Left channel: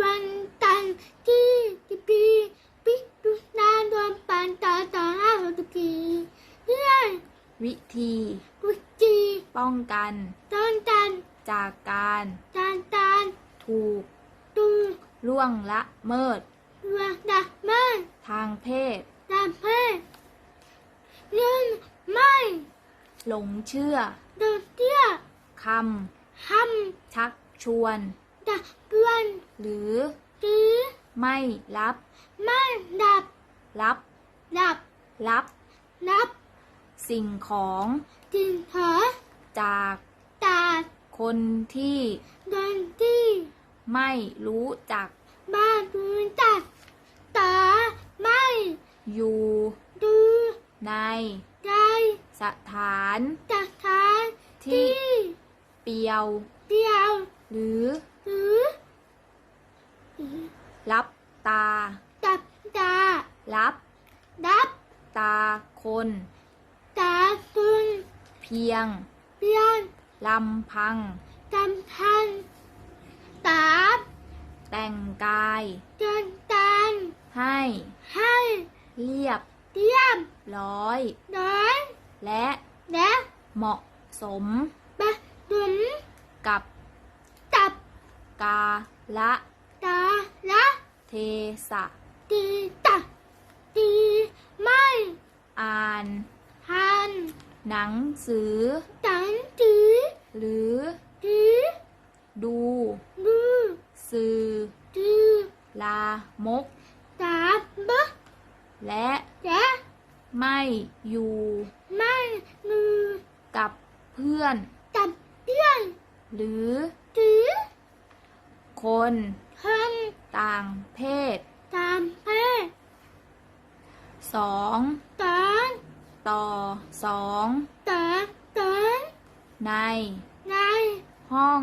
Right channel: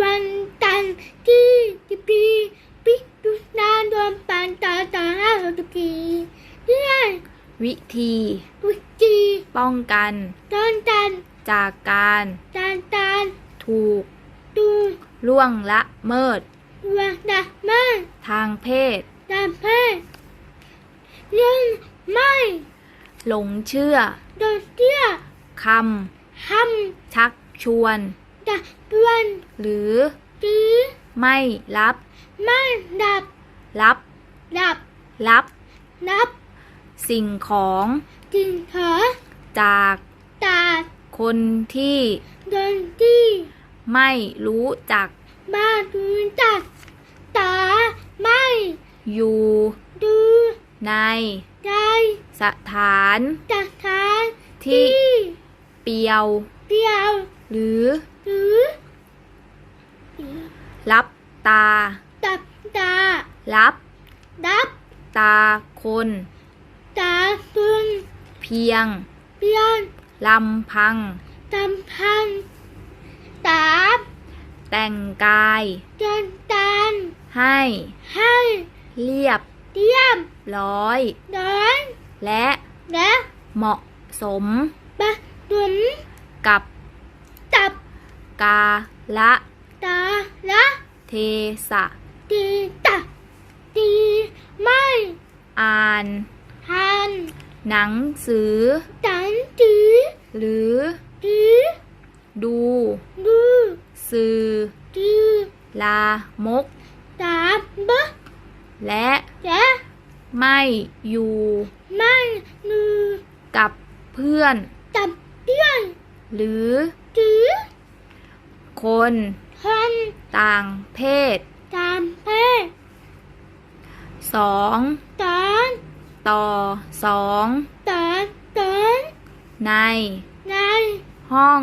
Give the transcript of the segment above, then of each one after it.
วันตันที่ที่ปีปิดุนาดวงปันตาตาห้าหกปีเรื่อยวิธี วิจีป้องกันตอนตันจากการตานตานถูกตูล่วงละเมิดวันดามาทางเพศดาเพเรื่องไม่หลงเชื่อโดนเตี้ยคทำชักชวนำ ดับดวนหรือตีไม่รับ ไม่ดับ รับ ดับ รับนับ สิ่งของจิงหอจากตาคนที่โดนที่ไม่รู้จักบ้านดูจักตาไม่อยู่ดูในใจสถานจักทานที่ที่เปียวเดียว หรือหรือรับตา ตับตา รับดับตาคน ตาตุนเพียงเปียนลำพังจำพันตาแต่งกายจนตานให้ ให้ เรียบเตรียมร้อยเดินและ และ เหมาะสมปะดุมกับตับ กาละตาละเทสะตีตับตีไม่อ่านหันหนังสือตันตีหรือตีดูดูสื่อตีลามกตาบะและและไม่อยู่ไม่นูกับเพื่อนตับเปี้ยนหรือตี คนคันต่างเพศตามเพศสองตอนต่อสองตอนตอนในในห้อง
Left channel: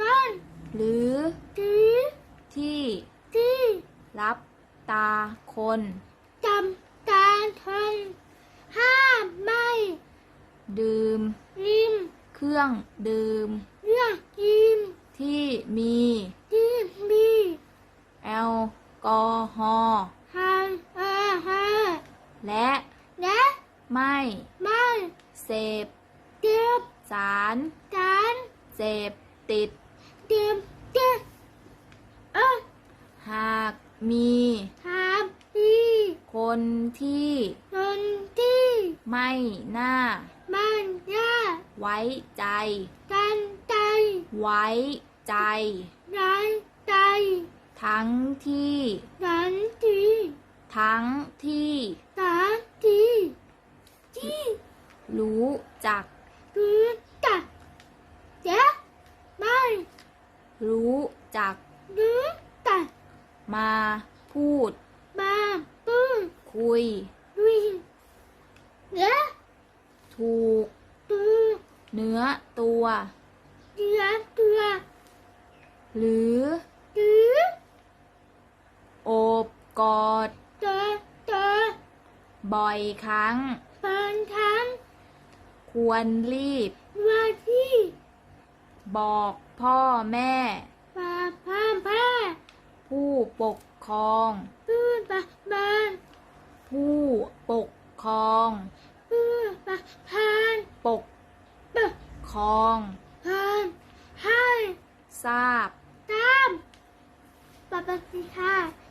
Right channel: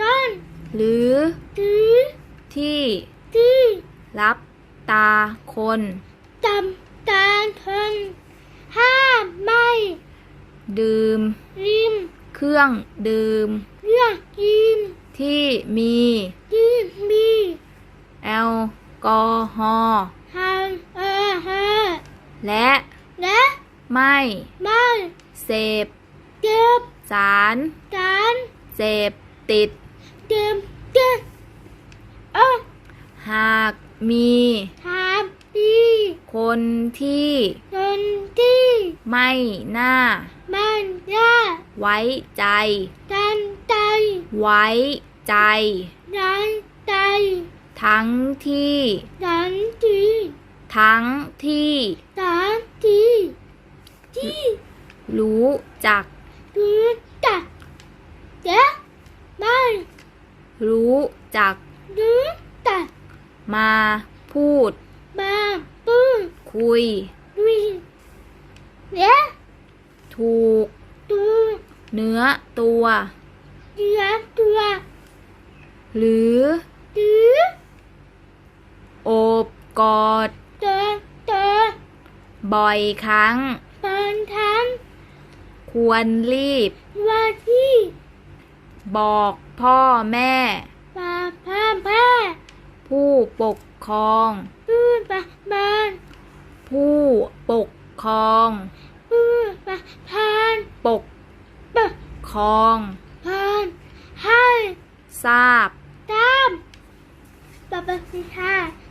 ต้นหรือตีที่ที่รับตาคนจำตาคนห้ามไม่ ดื่มริมเครื่องดื่ม เรื่องยิมที่มียิมมีแอล กอฮอล์หางเออฮะและและไม่ไม่เสพเก็บสารการเสพติดเก็บเก็บเออหากมีหามดีคนที่ดนที่ไม่น่ามันยาไว้ใจกันใจ ไว้ใจนันใจ ทั้งที่ดันทีทั้งที่สามทีที่รู้จักรู้จักเจ๊ไม่รู้จักรู้จักมาพูด มาปื้อคุยวิและถูกตูเนื้อตัวเดือตัว หรือ หรือ โอบ กอดเตอเตอบ่อยครั้งตอนทั้งควรรีบ ว่าที่บอกพ่อแม่ป่าผ้าผ้าผู้ปกครองปื้อปะบานผู้ปกครองปื้อปะพานปกปะครอง พานให้ทราบตามปะปะพิธา